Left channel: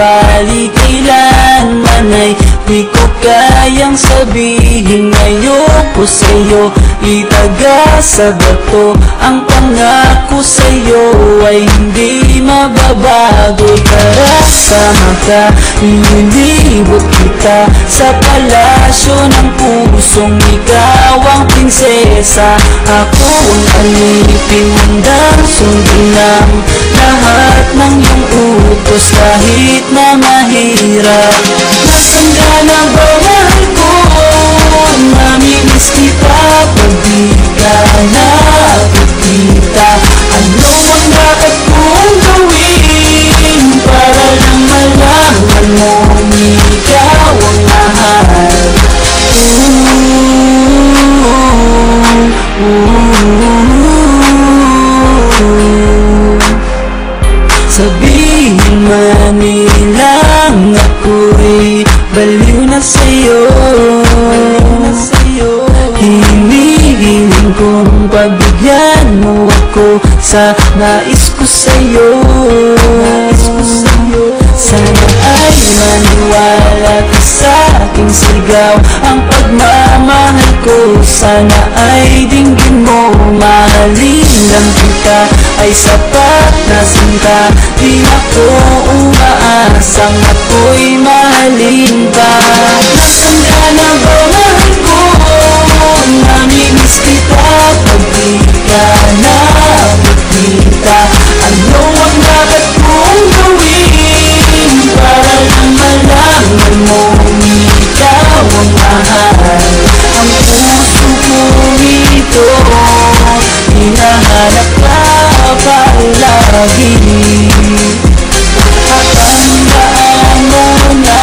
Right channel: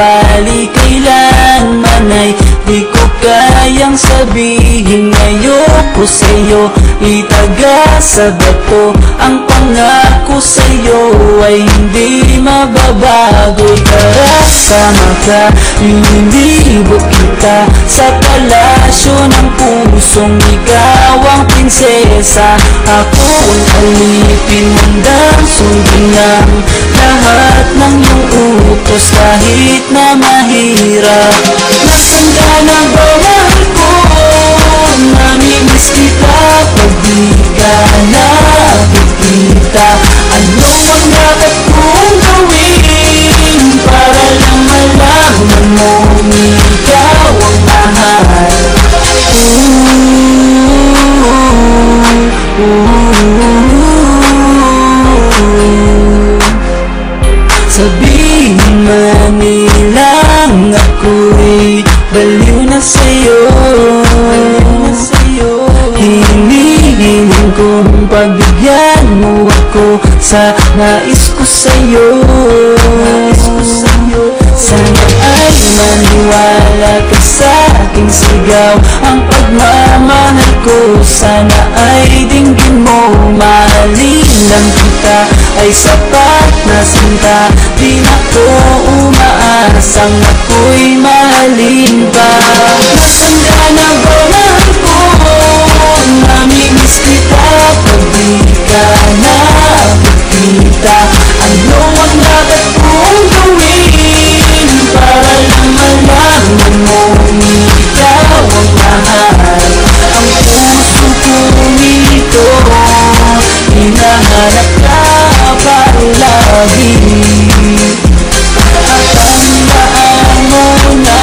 Subalit kailanman ay di ko kayang sabihin ngayon ko sa'yo itagasagad ko. Ang pangako sa'yo ay hindi mababago. Sama ka, inilibot kita sa palasyo ng pusong ikaw ang prinsesa. Ako ang alipin ng sundan lang lahat ng iyong utos kahit na mahirap. Nasaan ka na ba ako? Namimiss kita pag di ka nakikita. Ano ang dapat kong gawin para lang malaman mo ikaw ang mahal? Sabihin man nilang ako'y baliw na sa'yo, hinihiling kong pagbigyan mo ako sa nais ko sa'yo. Sana ay maniwala ka sa aking sigaw. Ang pagmamahal ko sana ay dinggin mo. Mahalin lang kita ay sapat na sinta. Di ako umaasang ako'y mahalin ba. Nasaan ka na ba ako? Namimiss kita pag di ka nakikita. Ano ang dapat kong gawin para lang malaman mo ikaw ang mahal? Ang puso kong ito hinahanap ka palagi. Tatandaan ko na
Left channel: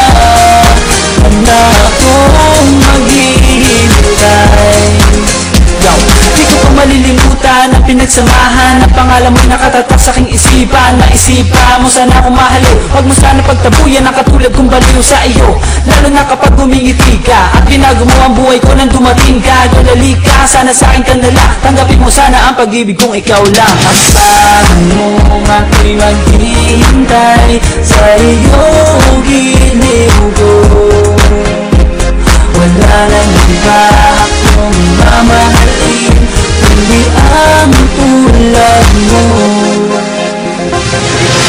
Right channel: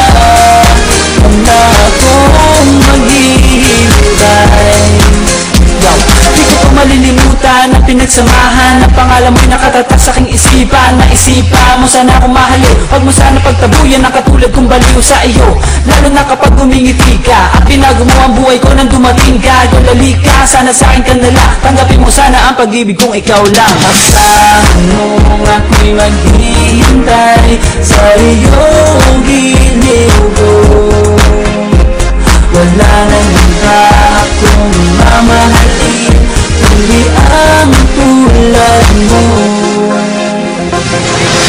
akong maghihintay. Di ko pa malilimutan ang pinagsamahan ng pangalan mo'y nakatatak sa aking isipan. Naisipan mo sana akong mahalo, huwag mo sana pagtabuyan ang katulad kong baliw sa iyo. Lalo na kapag tumingiti ka at pinago mo ang buhay ko nang dumating ka. Dudali ka, sana sa akin ka nalang. Tanggapin mo sana ang pag-ibig kong ikaw lang. Asahan mo ako'y maghihintay sa iyong giliw ko. Wala nang iba akong mamahalin kundi ang tulad mo.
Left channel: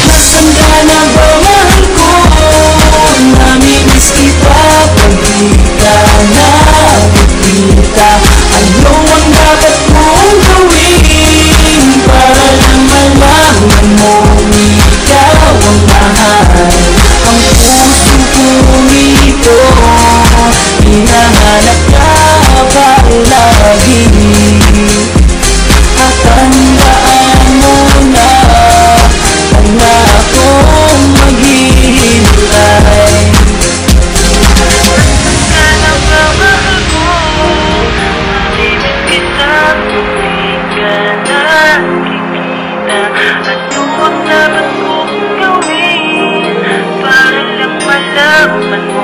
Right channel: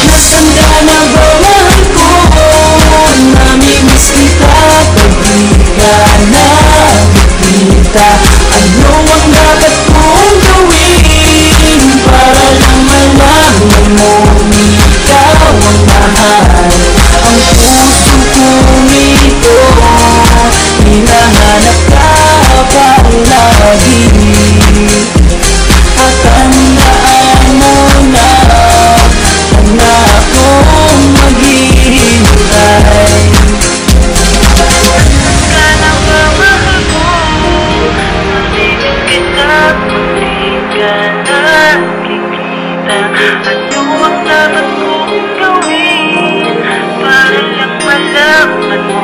Nasaan ka na ba ako? Namimiss kita pag di ka nakikita. Ano ang dapat kong gawin para lang malaman mo ikaw ang mahal? Ang puso kong ito hinahanap ka palagi. Tatandaan mo na akong maghihintay. Ano ang dapat kong gawin para lang malaman mo